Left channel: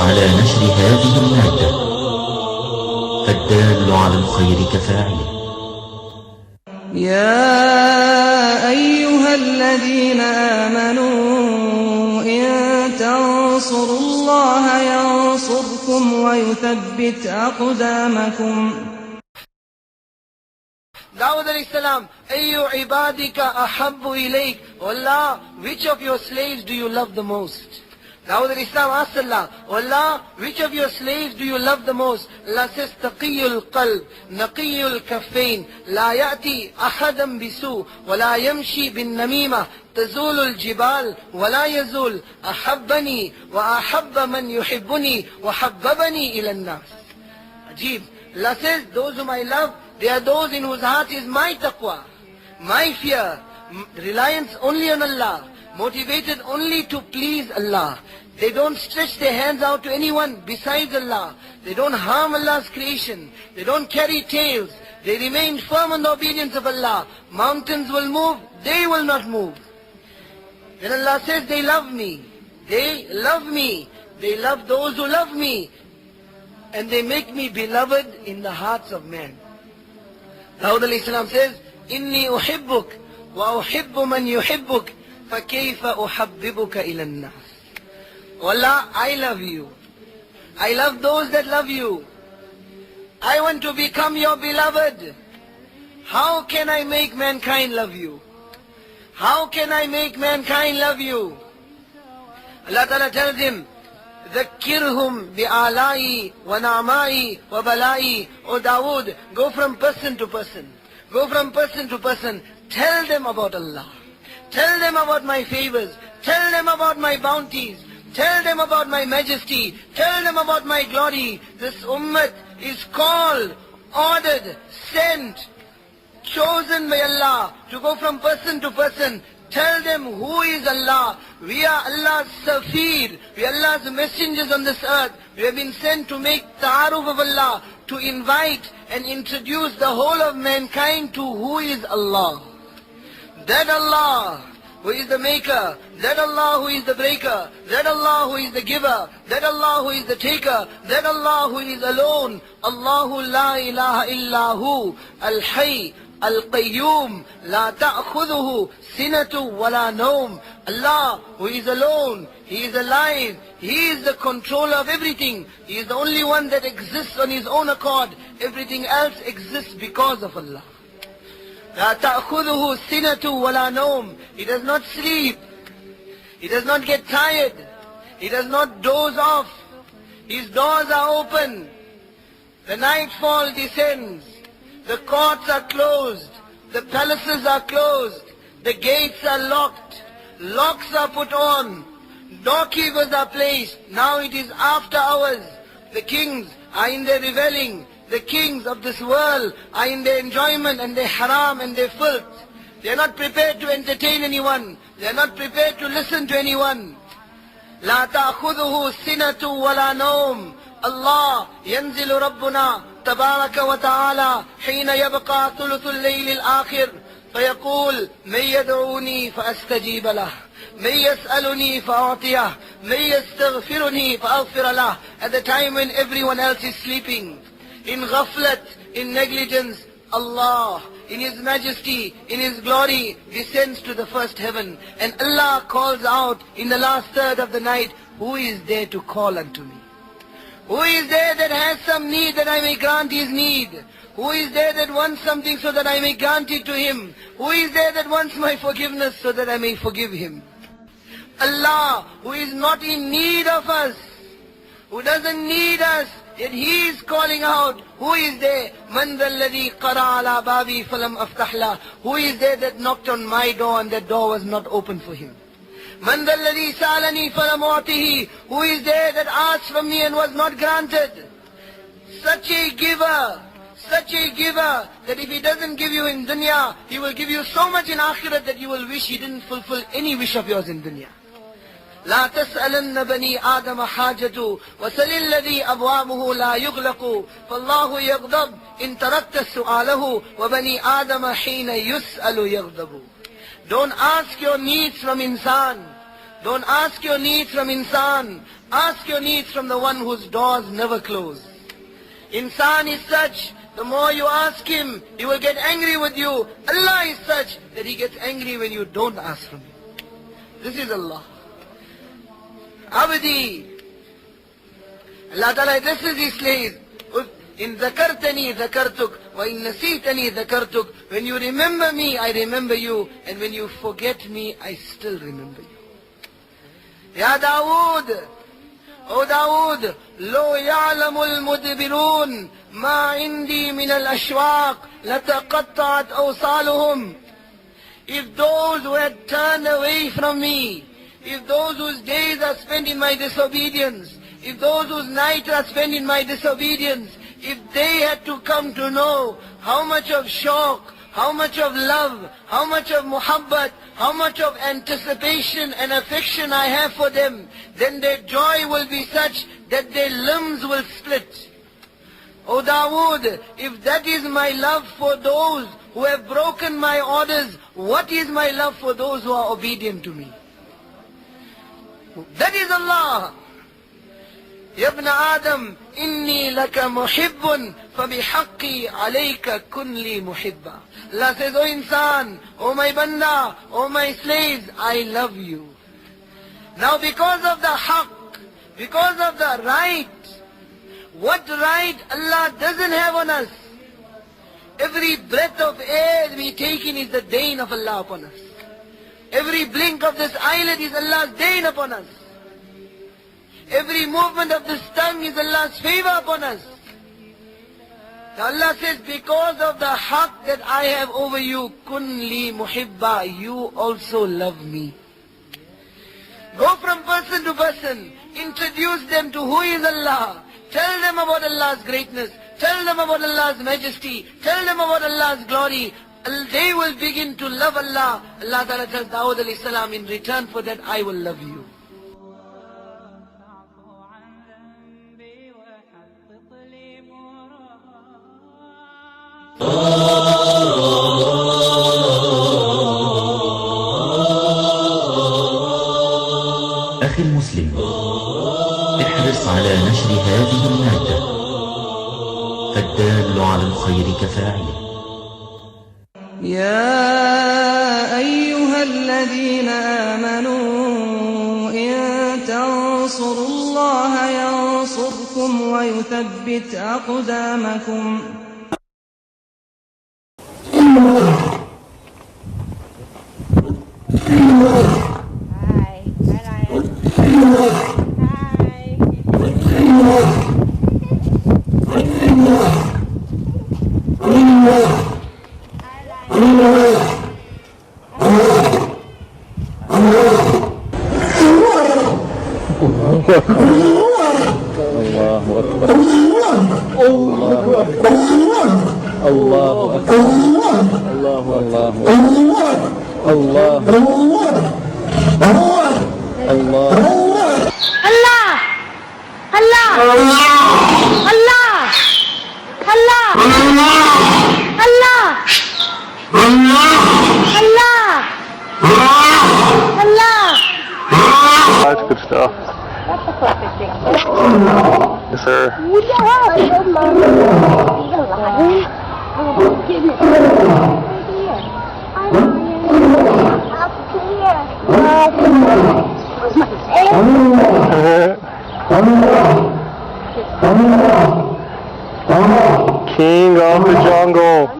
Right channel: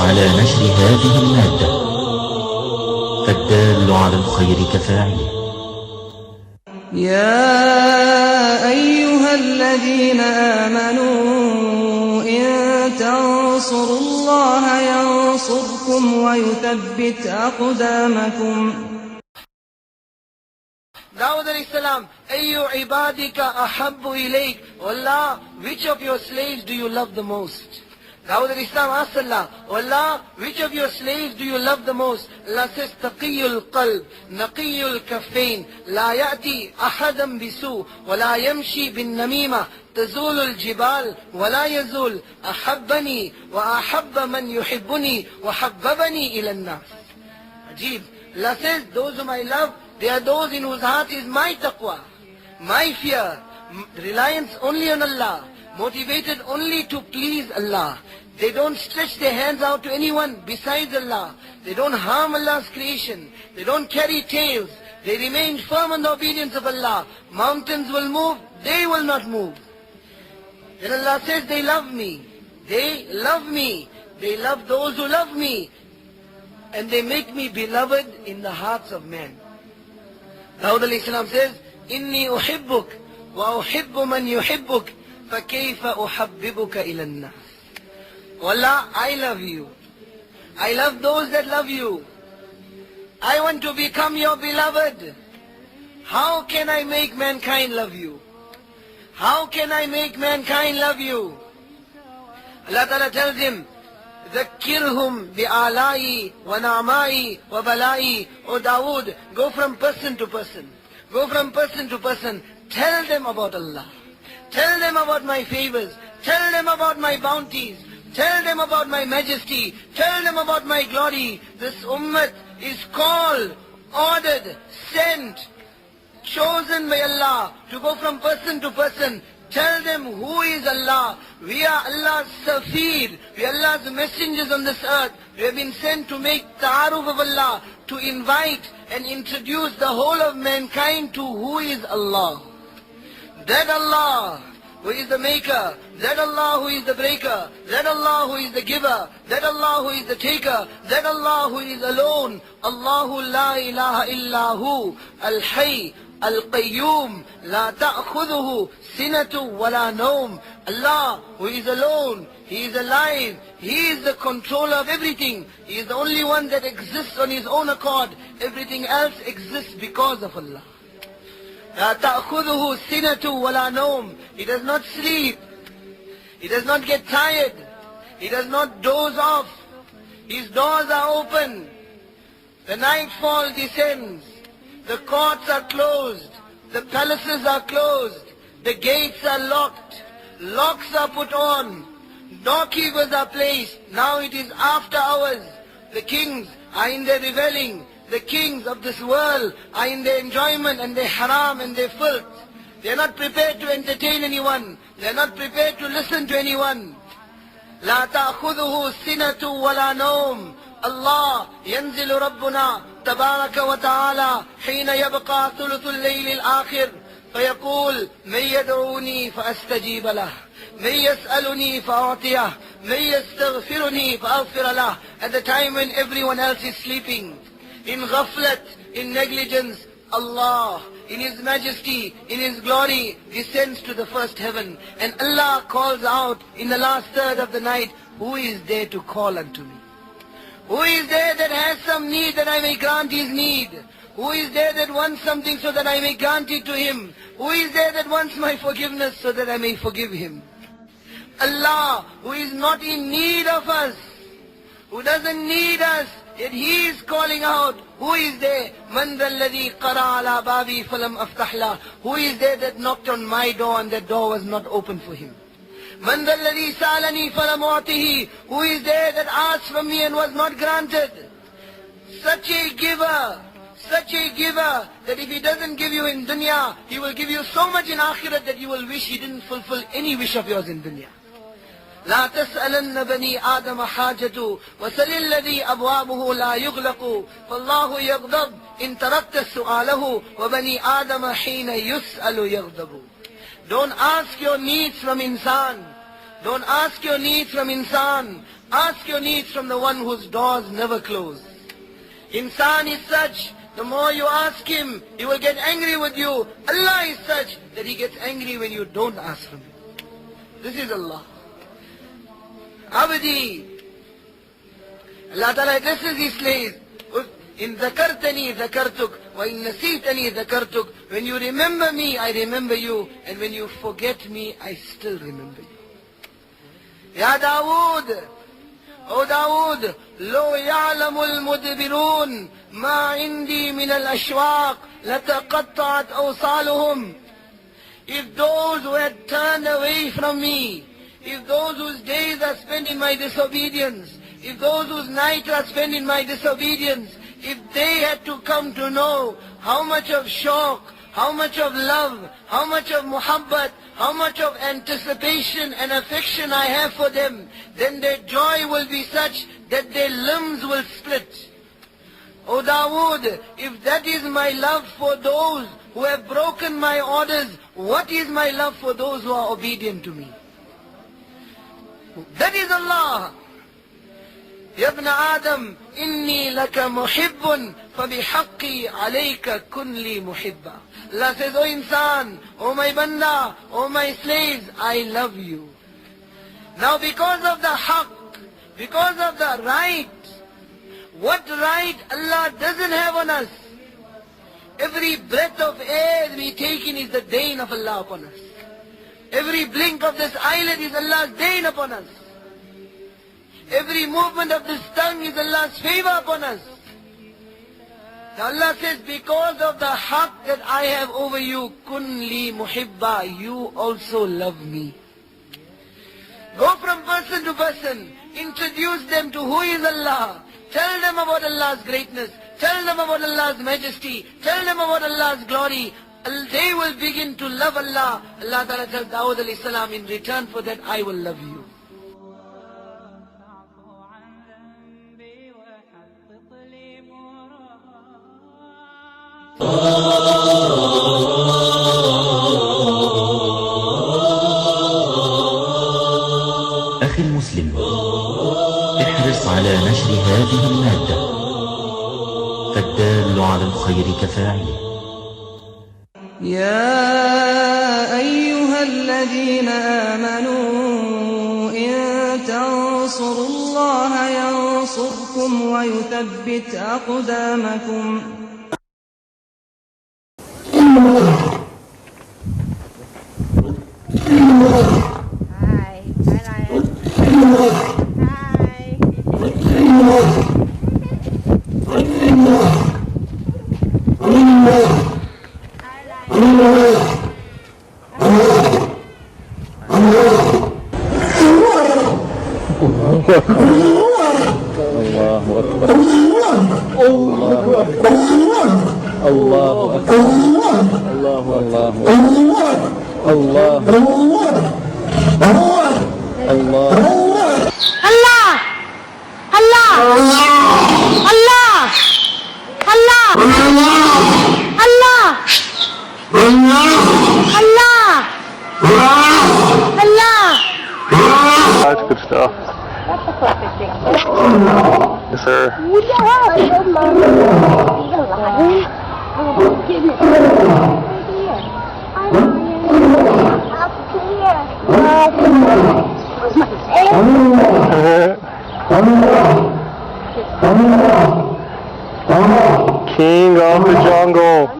على نشر هذه المادة، فالدال على الخير كفاعله. يا أيها الذين آمنوا إن تنصروا الله ينصركم ويثبت أقدامكم. Dawud alayhi salam, Ayyu ibadika ahabbu ilayk. Allah, which of your slaves do you love the most? Dawud alayhi salam asked Allah, Allah, which of your slaves do you love the most? Allah says, Taqiyul qalb, Naqiyul kaffain, La ya'ti ahadan bisu, wa la yamshi bin namima, تزول الجبال ولا يزول أحبني وأحب من يحبني وحببني إلى الناس. Ajib. Allah says, those whom I love, they are those in whose heart is my taqwa, my fear, reliance only on Allah, motivated only to please Allah. They don't stretch their hands out to anyone besides Allah. They don't harm Allah's creation. They don't carry tales. They remain firm in the obedience of Allah. Mountains will move, they will not move. Then Allah says, they love me. They love me. They love those who love me. And they make me beloved in the hearts of men. Dawud alayhi salam says, Inni uhibbuk wa uhibbu man yuhibbuk, fa kayfa uhabbibuka ila an-nas. Allah, I love you. I love those that love you. I want to become your beloved. How can I make mankind love you? How can I make mankind love you? Allah Ta'ala tells him, ذَكِّرْهُمْ بِآلَائِي وَنَعْمَائِي وَبَلَائِي. O Dawood, go from person to person. Go from person to person. Tell them about Allah. Tell them about my favors. Tell them about my bounties. Tell them about my majesty. Tell them about my glory. This ummah is called, ordered, sent, chosen by Allah to go from person to person. Tell them who is Allah. We are Allah's safir. We are Allah's messengers on this earth. We have been sent to make ta'aruf of Allah, to invite and introduce the whole of mankind to who is Allah. That Allah who is the maker, that Allah who is the breaker, that Allah who is the giver, that Allah who is the taker, that Allah who is alone. Allahu la ilaha illahu, al-hayy, al-qayyum, la ta'khudhuhu sinatu wa la nawm. Allah who is alone, He is alive, He is the controller of everything. He is the only one that exists on His own accord. Everything else exists because of Allah. لا تأخذه سنة ولا نوم. He does not sleep. He does not get tired. He does not doze off. His doors are open. The nightfall descends. The courts are closed. The palaces are closed. The gates are locked. Locks are put on. Doorkeepers are placed. Now it is after hours. The kings are in their reveling. The kings of this world are in their enjoyment and their haram and their filth. They are not prepared to entertain anyone. They are not prepared to listen to anyone. لا تأخذه سنة ولا نوم. Allah ينزل ربنا تبارك وتعالى حين يبقى ثلث الليل الآخر فيقول من يدعوني فأستجيب له من يسألني فأعطيه من يستغفرني فأغفر له. At the time when everyone else is sleeping, in ghaflat, in negligence, Allah, in His majesty, in His glory, descends to the first heaven. And Allah calls out in the last third of the night, who is there to call unto me? Who is there that has some need that I may grant his need? Who is there that wants something so that I may grant it to him? Who is there that wants my forgiveness so that I may forgive him? Allah, who is not in need of us, who doesn't need us, yet He is calling out, who is there? مَنْ ذَا الَّذِي قَرَعَ عَلَى بَابِي فَلَمْ أَفْتَحْ لَهُ. Who is there that knocked on my door and that door was not open for him? مَنْ ذَا الَّذِي سَأَلَنِي فَلَمْ أُعْطِهِ. Who is there that asked from me and was not granted? Such a giver that if He doesn't give you in dunya, He will give you so much in akhirat that you will wish He didn't fulfill any wish of yours in dunya. لا تسألن بني آدم حاجة وسل الذي أبوابه لا يغلق فالله يغضب إن تركت سؤاله وبني آدم حين يسأل يغضب. Don't ask your needs from insan. Don't ask your needs from insan. Ask your needs from the one whose doors never close. Insan is such, the more you ask him, he will get angry with you. Allah is such that he gets angry when you don't ask him. This is Allah. Abdi. Allah Ta'ala addresses his slaves. In zakartani zakartuk, wa in nasitani zakartuk. When you remember me, I remember you. And when you forget me, I still remember you. Ya Dawood, O Dawood, lo ya'lamul mudbirun, ma indi min al-ashwaq, lataqatta'at awsaluhum. If those who had turned away from me, if those whose days are spent in my disobedience, if those whose nights are spent in my disobedience, if they had to come to know how much of shauq, how much of love, how much of muhabbat, how much of anticipation and affection I have for them, then their joy will be such that their limbs will split. O Dawood, if that is my love for those who have broken my orders, what is my love for those who are obedient to me? That is Allah. يا ابن آدم إني لك محب فبحقي عليك كن لي محبا. Allah says, O insan, O my banda, O my slaves, I love you. Now because of the haqq, because of the right, what right Allah doesn't have on us? Every breath of air we take in is the dain of Allah upon us. Every blink of this eyelid is Allah's dain upon us. Every movement of this tongue is Allah's favor upon us. So Allah says, because of the haqq that I have over you, kun li muhibba, you also love me. Go from person to person, introduce them to who is Allah, tell them about Allah's greatness, tell them about Allah's majesty, tell them about Allah's glory. They will begin to love Allah. Allah Ta'ala tells Dawood alayhi salam, in return for that I will love you. أخي المسلم، احرص على نشر هذه المادة، فالدال على الخير كفاعله. يا أيها الذين آمنوا إن تنصروا الله ينصركم ويثبت أقدامكم. That's good stuff. Yes, sir. King of the jungle.